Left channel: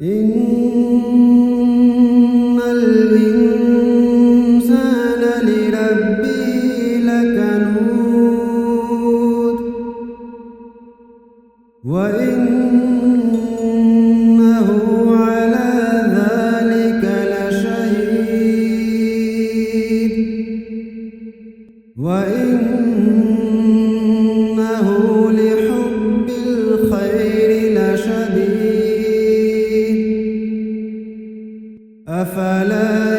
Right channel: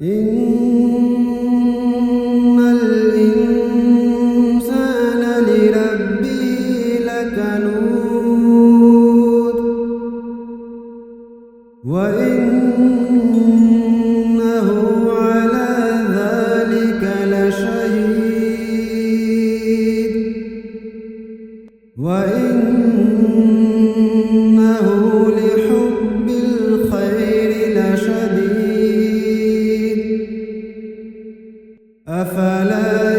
إن الإنسان لربه لكنود وإنه على ذلك لشهيد وإنه لحب الخير لشديد أفلا